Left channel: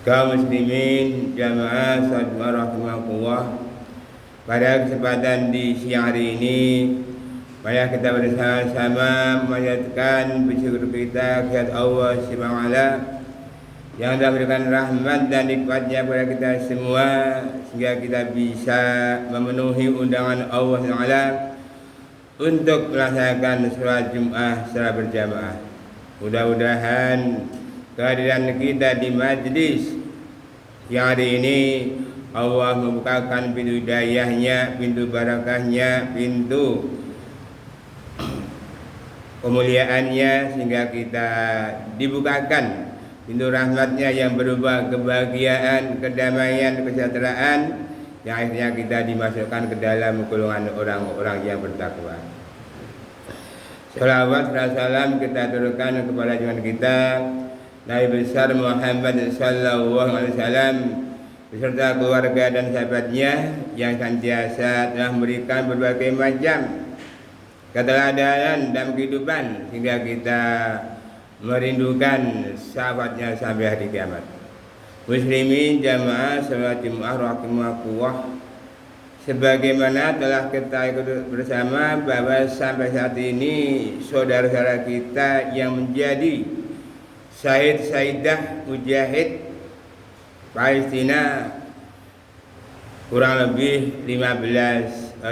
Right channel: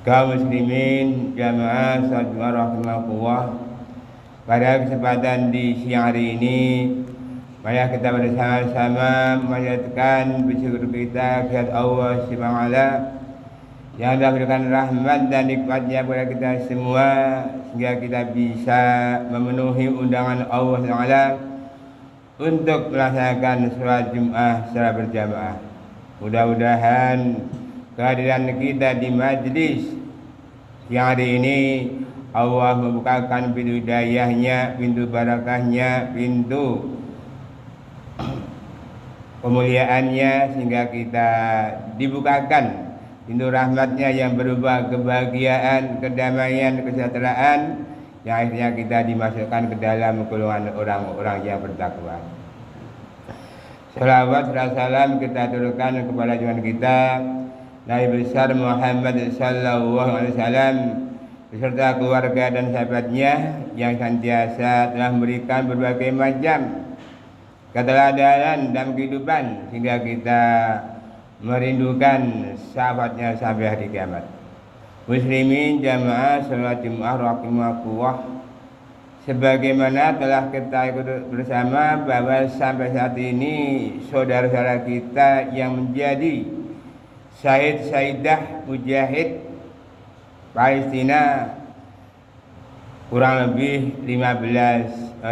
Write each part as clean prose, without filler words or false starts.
Kaum muslimin jamaah salat rahimakumullah. Pada kesempatan di siang hari ini, mari kita bersama-sama menyatakan bersyukur kita kepada Allah Subhanahu wa taala yang telah memberikan rahmat dan nikmatnya kepada kita semua sehingga kita bisa memenuhi undangan Allah Subhanahu wa taala untuk melaksanakan sholat Jumat secara berjamaah. Mudah-mudahan kehadiran kita di majlis yang hari ini Allah membukakan pintu hidayahnya, pintu barakahnya, pintu kemuliaannya sehingga kita dibukakan pintu rahmatnya yang berupa kebahagiaan, kedamaian, kesejahteraan yang akhirnya kita dimasukkan ke dalam golongan orang-orang yang bertakwa. Salawat dan salam kita turunkan kepada junjungan kita Nabi besar Muhammad sallallahu alaihi wasallam beserta keluarga dan sahabatnya yang senantiasa telah memberikan berbagai macam keteladanan dalam kehidupan sehingga kita merindukan sahabatnya sampai hari kiamat. Muslimin jamaah salat Jumat rahimakumullah, sebagaimana telah kita ikut bersama bahwa sampai saat ini saudara-saudara kita yang menjadi syahid-syahidah mujahid Palestina kurang lebih 15.000.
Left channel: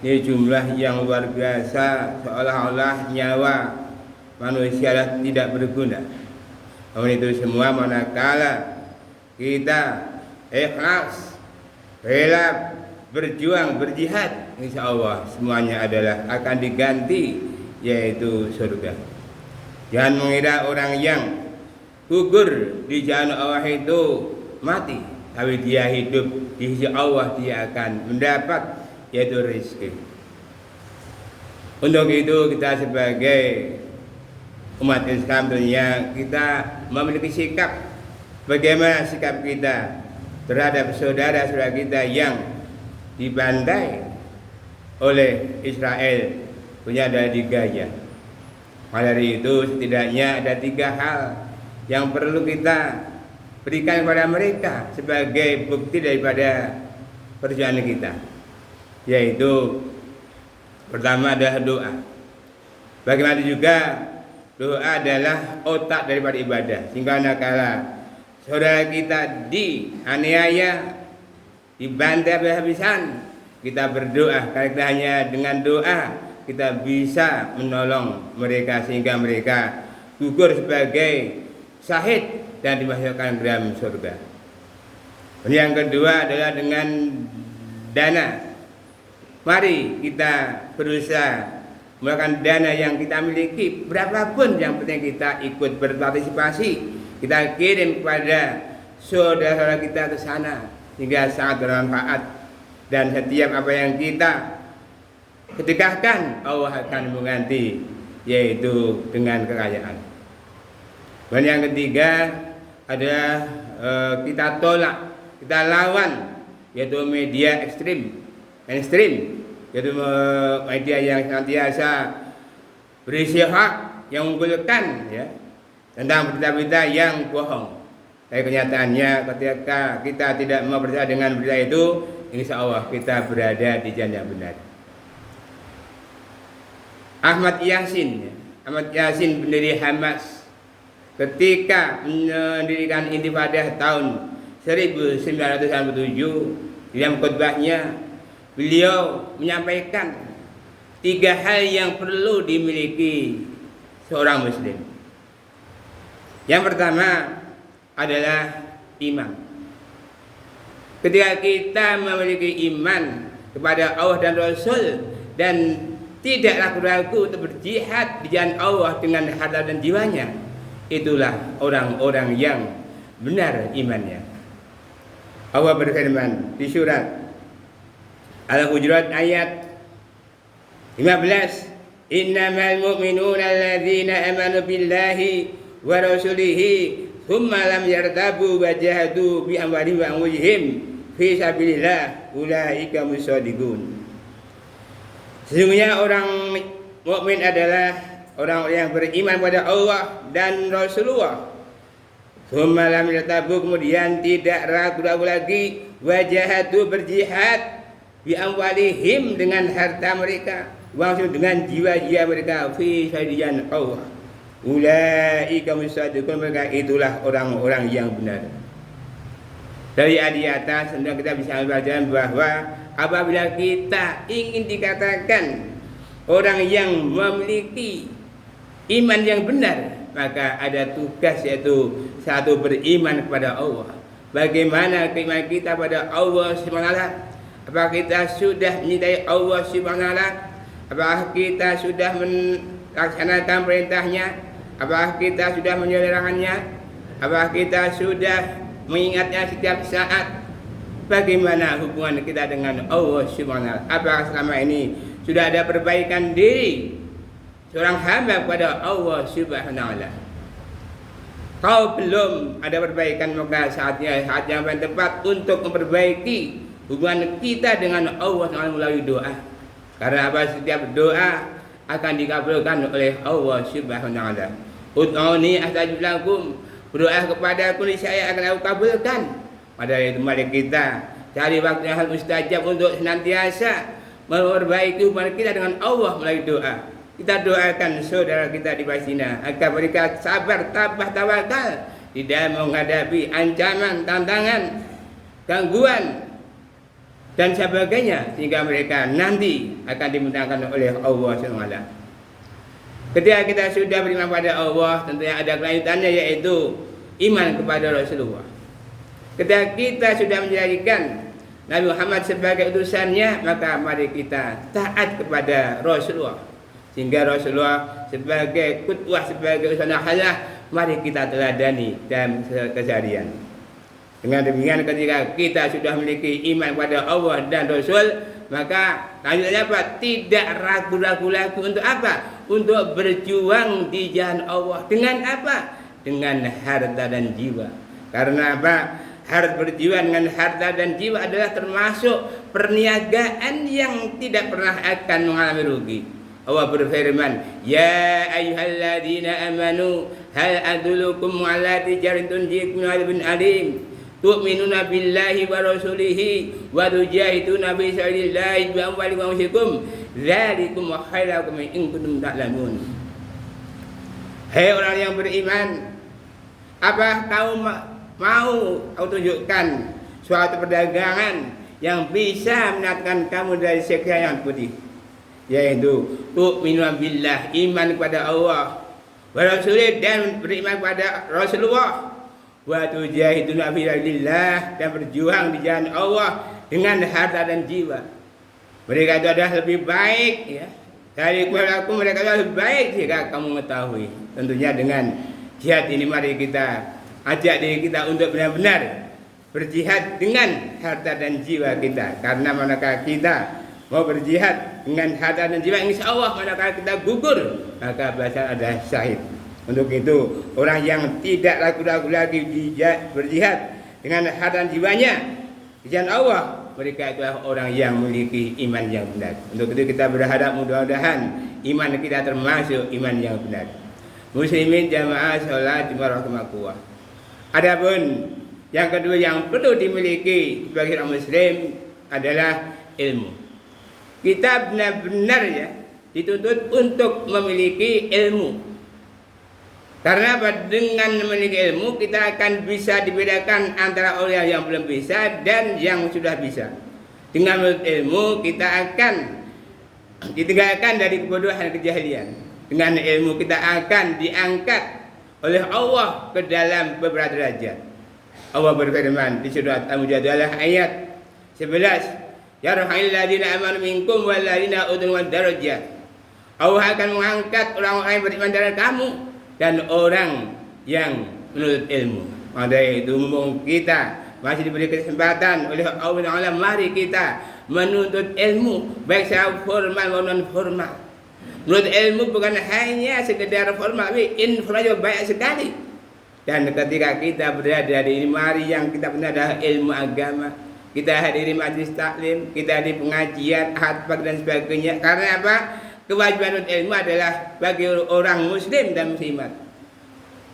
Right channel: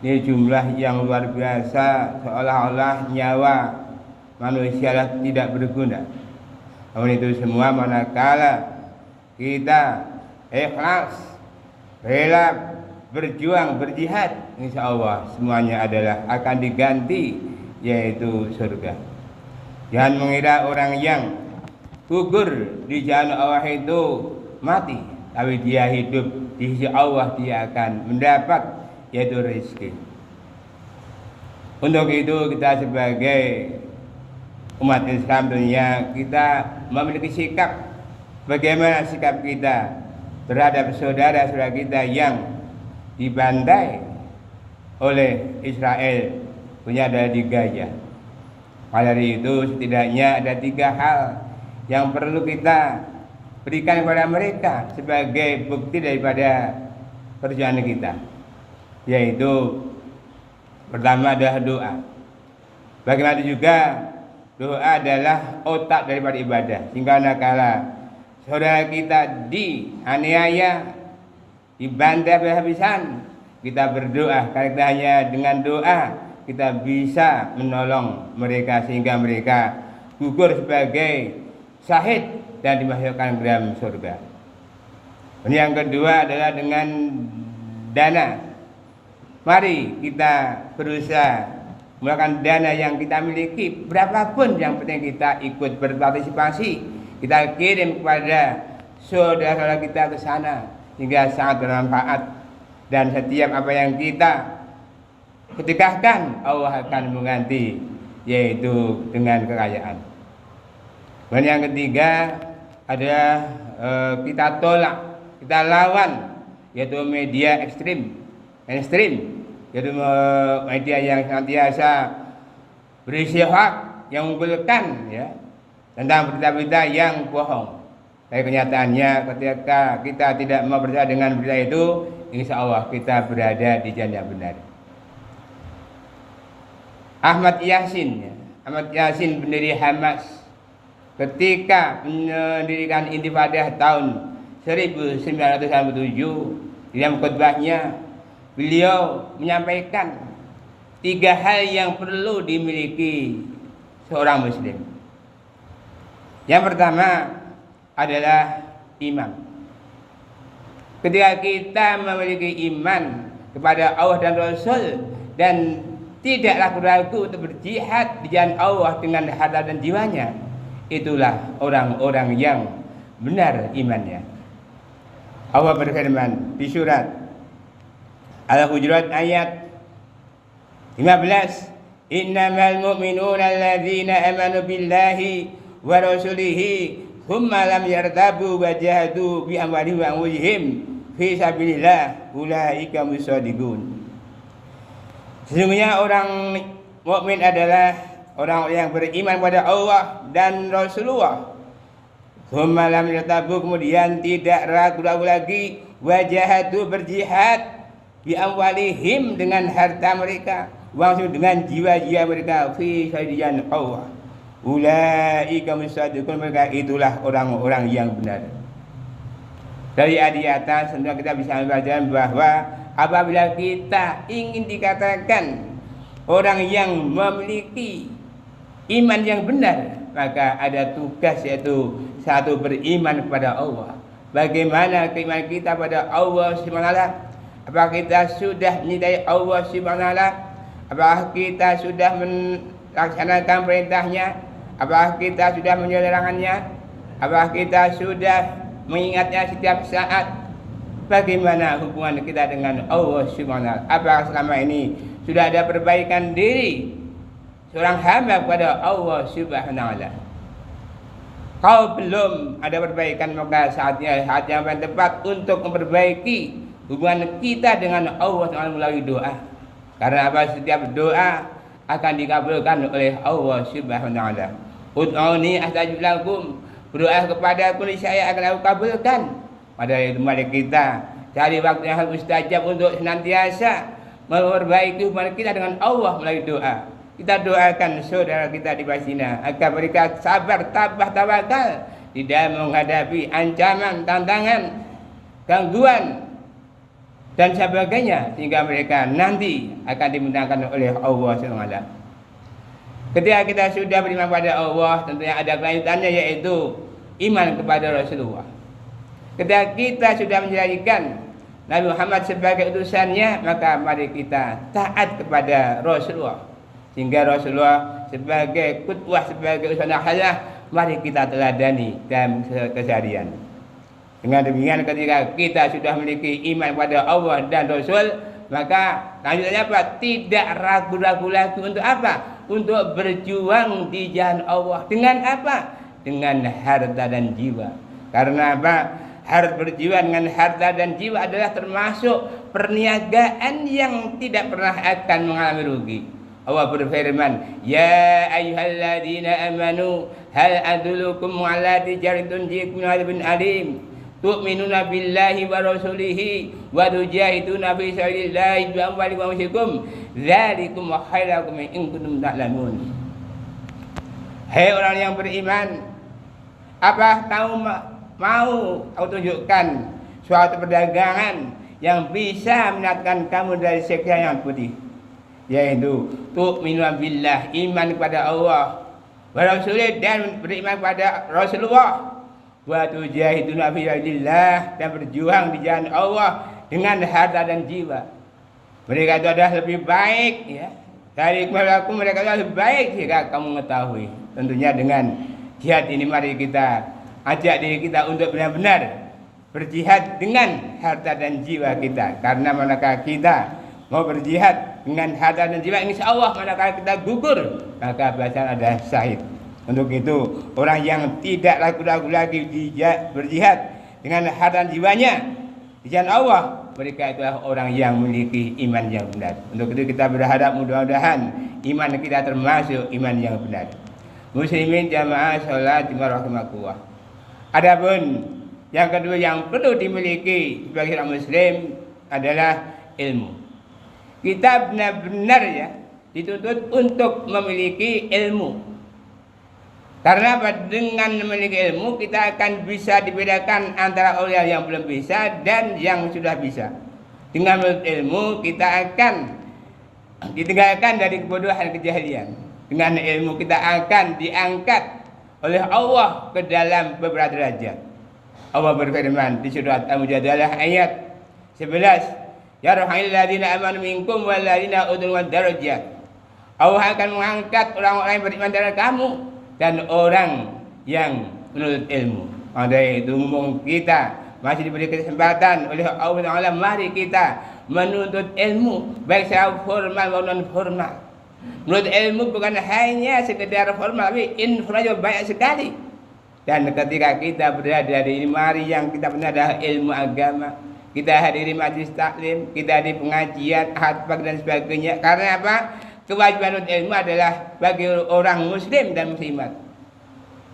Ini jumlah yang luar biasa, seolah-olah nyawa manusia tidak berguna. Namun itu semua manakala kita ikhlas, rela berjuang, berjihad, insya Allah semuanya adalah akan diganti, yaitu surga. Jangan mengira orang yang gugur di jalan Allah itu mati, tapi dia hidup di sisi Allah, dia akan mendapat yaitu rezeki. Untuk itu kita sebagai umat Islam dunia, kita memiliki sikap, bagaimana sikap kita terhadap saudara-saudara kita yang dibantai oleh Israel, punya ada di Gaza. Maka dari itu setidaknya ada 3 hal yang perlu kita berikan kepada mereka sebagai bukti daripada perjuangan kita, yaitu pertama adalah doa. Bagaimana juga doa adalah otak daripada ibadah, sehingga nakala saudara kita dianiaya, dibantai habis-habisan, kita berdoa, karena kita hanya dengan doa kita bisa menolong mereka sehingga mereka gugur sebagai syahid dan dimasukkan ke dalam surga. Dan yang kedua adalah dengan dana. Mari kita berusaha menggunakan dana yang kita miliki, berapapun yang penting kita ikut berpartisipasi, kita kirim kepada saudara-saudara kita ke sana hingga sangat bermanfaat. Dan setiap apa yang kita sedekahkan Allah akan mengganti, yaitu dengan kekayaan. Dan yang ketiga adalah kita tolak, kita lawan, yaitu media mainstream, yaitu media yang senantiasa berisi hoax, yang mengunggulkan ya tentang berita-berita yang bohong. Tapi kenyataannya ketika kita tidak mau percaya dengan berita itu, insya Allah kita berada di jalan yang benar. Ahmad Yasin pendiri Hamas, ketika mendirikan intifadah tahun 1997, dalam khutbahnya beliau menyampaikan 3 hal yang perlu dimiliki seorang muslim. Yang pertama adalah iman. Ketika kita memiliki iman kepada Allah dan Rasul dan tidak ragu-ragu untuk berjihad di jalan Allah dengan harta dan jiwanya, itulah orang-orang yang benar imannya. Allah berfirman di surat Al-Hujurat ayat 15, innamal mu'minuna alladzina amanu billahi wa rasulihi thumma lam yartabu wa jahadu bi amwalihim wa anfusihim fi sabilillah ulaika mushadiqun. Sesungguhnya orang mukmin adalah orang yang beriman kepada Allah dan Rasulullah, Thumma lam yartabu, kemudian tidak ragu-ragu lagi, wajahatu berjihad bi amwalihim dengan harta mereka, langsung dengan jiwa-jiwa mereka fi sabilillah Allah. Ulaika musaddiqun, mereka itulah orang-orang yang benar. Dari di atas tentu kita bisa ambil pelajaran bahwa apabila kita ingin dikatakan orang yang memiliki iman yang benar, maka ada tugas, yaitu satu, beriman kepada Allah. Bagaimana keimanan kita pada Allah Subhanahu? Apakah kita sudah menyintai Allah Subhanahu? Apakah kita sudah melaksanakan perintahnya? Apakah kita sudah menjauhi larangannya? Apakah kita sudah mengingatnya setiap saat? Bagaimana hubungan kita dengan Allah Subhanahu? Apakah selama ini sudah ada perbaikan diri seorang hamba kepada Allah Subhanahu? Kalau belum ada perbaikan, maka saat yang paling tepat untuk memperbaiki hubungan kita dengan Allah Subhanahu melalui doa. Karena apa? Setiap doa akan dikabulkan oleh Allah Subhanahu. Ud'uni astajib lakum, berdoa kepadaku niscaya akan aku kabulkan. Pada itu mari kita cari waktu yang mustajab untuk senantiasa memperbaiki hubungan kita dengan Allah melalui doa. Kita doakan saudara kita di Palestina agar mereka sabar, tabah, tawakal di dalam menghadapi ancaman, tantangan, gangguan dan sebagainya, sehingga mereka nanti akan dimenangkan oleh Allah SWT. Ketika kita sudah beriman pada Allah, tentunya ada kelanjutannya, yaitu iman kepada Rasulullah. Ketika kita sudah menjadikan Nabi Muhammad sebagai utusannya, maka mari kita taat kepada Rasulullah. Sehingga Rasulullah sebagai qudwah, sebagai usaha hasanah, mari kita teladani dalam keseharian. Dengan demikian, ketika kita sudah memiliki iman pada Allah dan Rasul, maka lanjutnya apa? Tidak ragu-ragu lagi untuk apa? Untuk berjuang di jalan Allah. Dengan apa? Dengan harta dan jiwa. Karena apa? Harus berjuang dengan harta dan jiwa adalah termasuk perniagaan yang tidak pernah akan mengalami rugi. Allah berfirman, ya ayyuhalladzina amanu hal adullukum ala tijaratin tunjikum min adzabin alim tu'minuna billahi wa rasulihi wa tujahiduna fi sabilillahi bi amwalikum wa anfusikum dzalikum khairakum in kuntum ta'lamun. Hai orang yang beriman, apa kamu mau aku tunjukkan suatu perdagangan yang bisa mendatangkan kamu dari seksa yang putih, yaitu tu'minu billah, iman kepada Allah, wa rasulih, dan beriman kepada Rasulullah, wa tujahiduna fi sabilillah, dan berjuang di jalan Allah dengan harta dan jiwa. Mereka itu adalah lebih baik, ya, dari mereka adalah lebih baik jika kamu mengetahui. Tentunya dengan jihad ini mari kita ajak diri kita untuk benar-benar berjihad dengan harta dan jiwa kita. Karena manakala kita mau berjihad dengan harta dan jiwa, insya Allah manakala kita gugur, maka balasan ada syahid. Untuk itu, orang yang tidak ragu-ragu lagi berjihad dengan harta dan jiwanya di jalan Allah, mereka itulah orang yang memiliki iman yang benar. Untuk itu kita berharap mudah-mudahan iman kita termasuk iman yang benar. Muslimin jamaah sholat Jumat rahimakumullah. Adapun yang kedua yang perlu dimiliki sebagai orang muslim adalah ilmu. Kita benar-benar, ya, dituntut untuk memiliki ilmu. Karena apa? Dengan memiliki ilmu kita akan bisa dibedakan antara orang yang belum bisa dan yang sudah bisa. Dengan memiliki ilmu kita akan ditinggalkan dari kebodohan dan kejahilian. Dengan ilmu kita akan diangkat oleh Allah ke dalam beberapa derajat. Allah berfirman di surat Al-Mujadalah ayat 11, yarhamil ladzina amanu minkum wal ladzina utul darajat. Allah akan mengangkat orang-orang yang beriman dari kamu dan orang yang menuntut ilmu. Maka itu mumpung kita masih diberi kesempatan oleh Allah Ta'ala, mari kita menuntut ilmu baik secara formal maupun non formal. Menuntut ilmu bukan hanya sekedar formal, tapi informal banyak sekali. Dan ketika kita berada di mari yang kita benar adalah ilmu agama, kita hadiri majlis taklim, kita hadiri pengajian, khatbah dan sebagainya. Karena apa? Kewajiban ilmu adalah bagi orang muslim dan muslimat.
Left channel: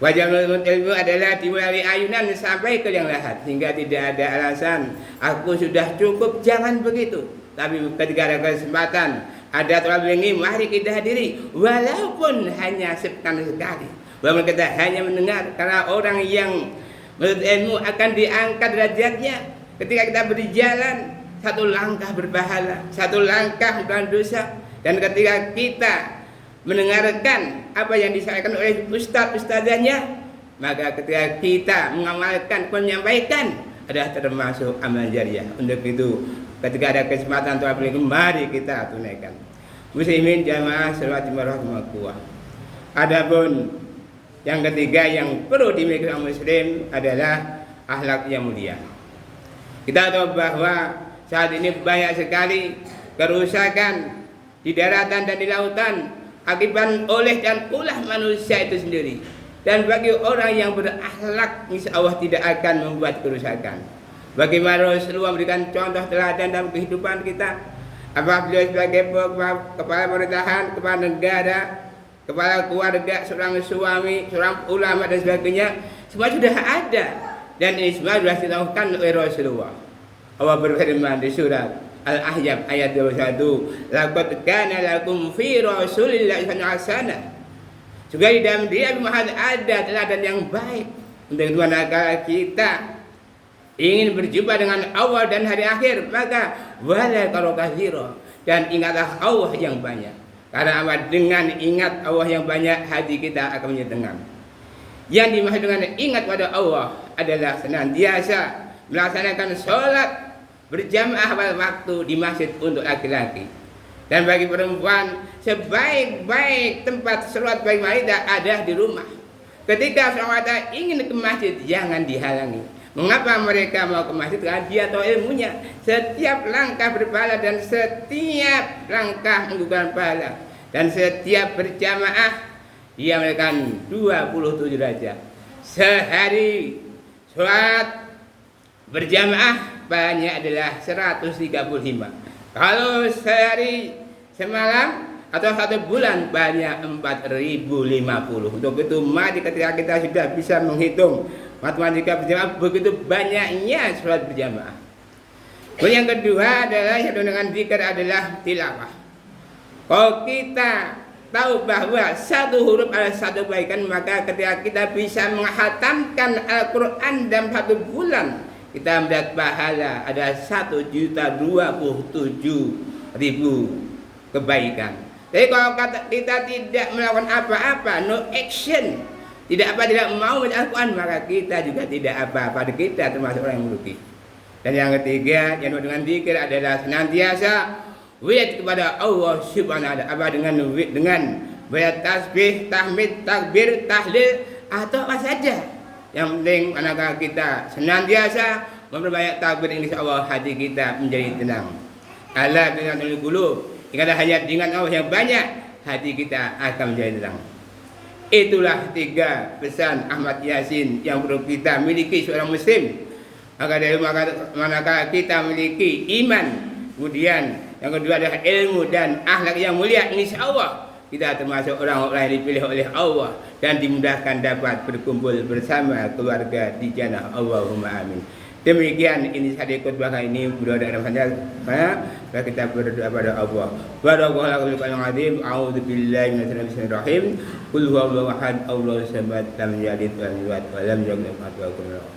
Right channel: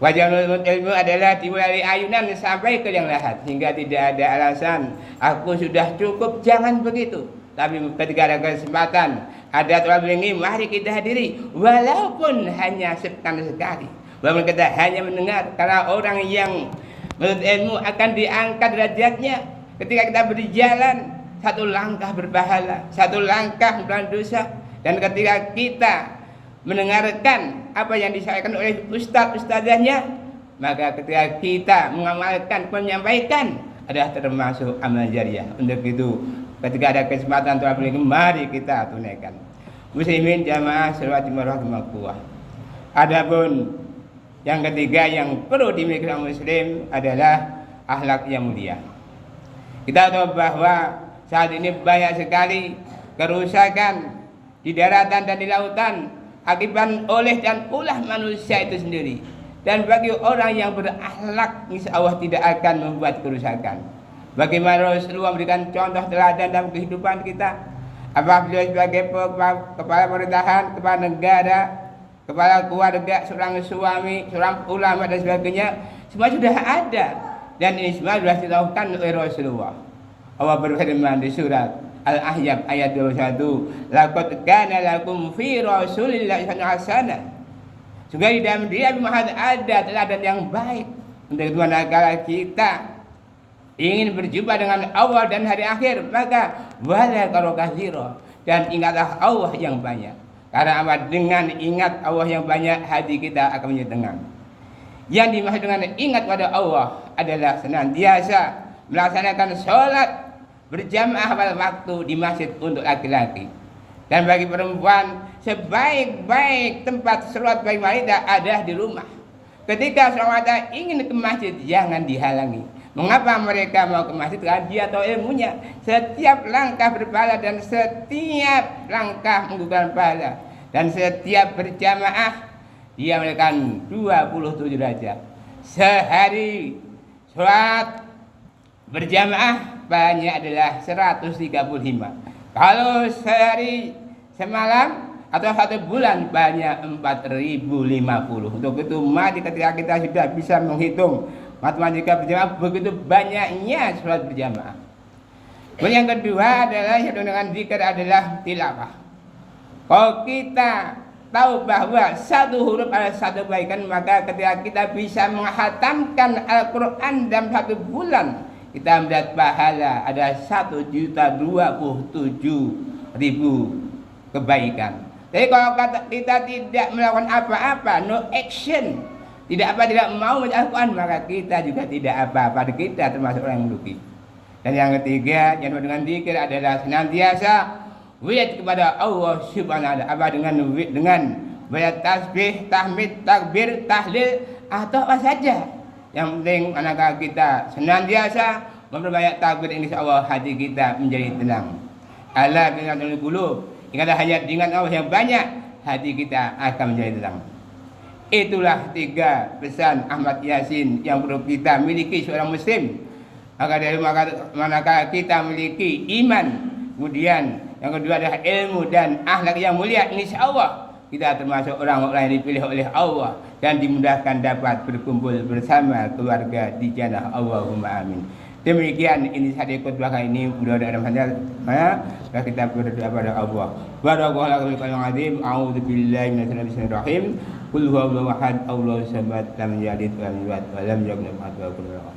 Wajah menuntut ilmu adalah dimulai ayunan sampai ke yang lahat, hingga tidak ada alasan aku sudah cukup, jangan begitu. Tapi ketika ada kesempatan, ada tolak ini, mari kita hadiri, walaupun hanya sekali. Walaupun kita hanya mendengar, karena orang yang menuntut ilmu akan diangkat derajatnya ketika kita berjalan satu langkah berpahala, satu langkah bukan dosa. Dan ketika kita mendengarkan apa yang disampaikan oleh ustadzahnya, maka ketika kita mengamalkan, menyampaikan, adalah termasuk amal jariah. Untuk itu ketika ada kesempatan tolak ilmu, mari kita tunaikan. Muslimin jamaah salawat warahmatullah. Adapun yang ketiga yang perlu dimiliki orang muslim adalah akhlak yang mulia. Kita tahu bahwa saat ini banyak sekali kerusakan di daratan dan di lautan akibat oleh dan ulah manusia itu sendiri. Dan bagi orang yang berakhlak, insya Allah tidak akan membuat kerusakan. Bagaimana Rasulullah memberikan contoh teladan dalam kehidupan kita. Apabila sebagai kepala pemerintahan, kepala negara, kepala keluarga, seorang suami, seorang ulama dan sebagainya, semua sudah ada. Dan ini semua sudah dilakukan oleh Rasulullah. Allah berfirman di surat Al-Ahzab ayat 21, laqad kana lakum fi Rasulillahi hasanah. Juga di dalam dia Muhammad ada teladan yang baik. Untuk itu manakala kita ingin berjumpa dengan Allah dan hari akhir, maka wala karo katsira, dan ingatlah Allah yang banyak. Karena apa? Dengan ingat Allah yang banyak, hati kita akan menjadi tenang. Yang dimaksud dengan ingat pada Allah adalah senantiasa melaksanakan sholat berjamaah pada waktu di masjid untuk laki-laki. Dan bagi perempuan, sebaik-baik tempat sholat bagi wanita adalah di rumah. Ketika seorang wanita ingin ke masjid, jangan dihalangi. Mengapa mereka mau ke masjid? Karena dia tahu ilmunya. Setiap langkah berpahala dan setiap langkah menggugurkan pahala. Dan setiap berjamaah dia memberikan 27 derajat. Sehari sholat berjamaah banyak adalah 135. Kalau sehari semalam atau satu bulan banyak 4050. Untuk itu mari ketika kita sudah bisa menghitung matematika berjamaah, begitu banyaknya sholat berjamaah. Kemudian yang kedua adalah yang dengan zikir adalah tilawah. Kalau kita tahu bahwa satu huruf adalah satu kebaikan, maka ketika kita bisa menghatamkan Al-Quran dalam satu bulan, kita mendapat pahala ada 1.027.000 kebaikan. Jadi kalau kita tidak melakukan apa-apa, no action, tidak mau membaca Al-Quran, maka kita juga tidak apa-apa. Kita termasuk orang yang merugi. Dan yang ketiga, yang dengan zikir adalah senantiasa wirid kepada Allah Subhanahu wa ta'ala. Apa dengan banyak tasbih, tahmid, takbir, tahlil atau apa saja. Yang penting manakala kita senantiasa memperbanyak takbir, insyaallah hati kita menjadi tenang. Ala binatul qulub. Ingatlah hanya dengan Allah yang banyak, hati kita akan menjadi tenang. Itulah 3 pesan Ahmad Yasin yang perlu kita miliki seorang muslim. Agar dari manakala kita memiliki iman, kemudian yang kedua adalah ilmu dan akhlak yang mulia, insyaallah kita termasuk orang-orang yang dipilih oleh Allah dan dimudahkan dapat berkumpul bersama keluarga di jannah. Allahumma amin. Demikian ini hadis khutbah ini, mudah-mudahan kita berdoa pada Allah. Barakallahu fiikum wa azim. A'udzubillahi minasyaitonir rajim. Qul huwallahu ahad, Allahu samad, lam yalid wa lam yulad wa lam yakul lahu kufuwan ahad.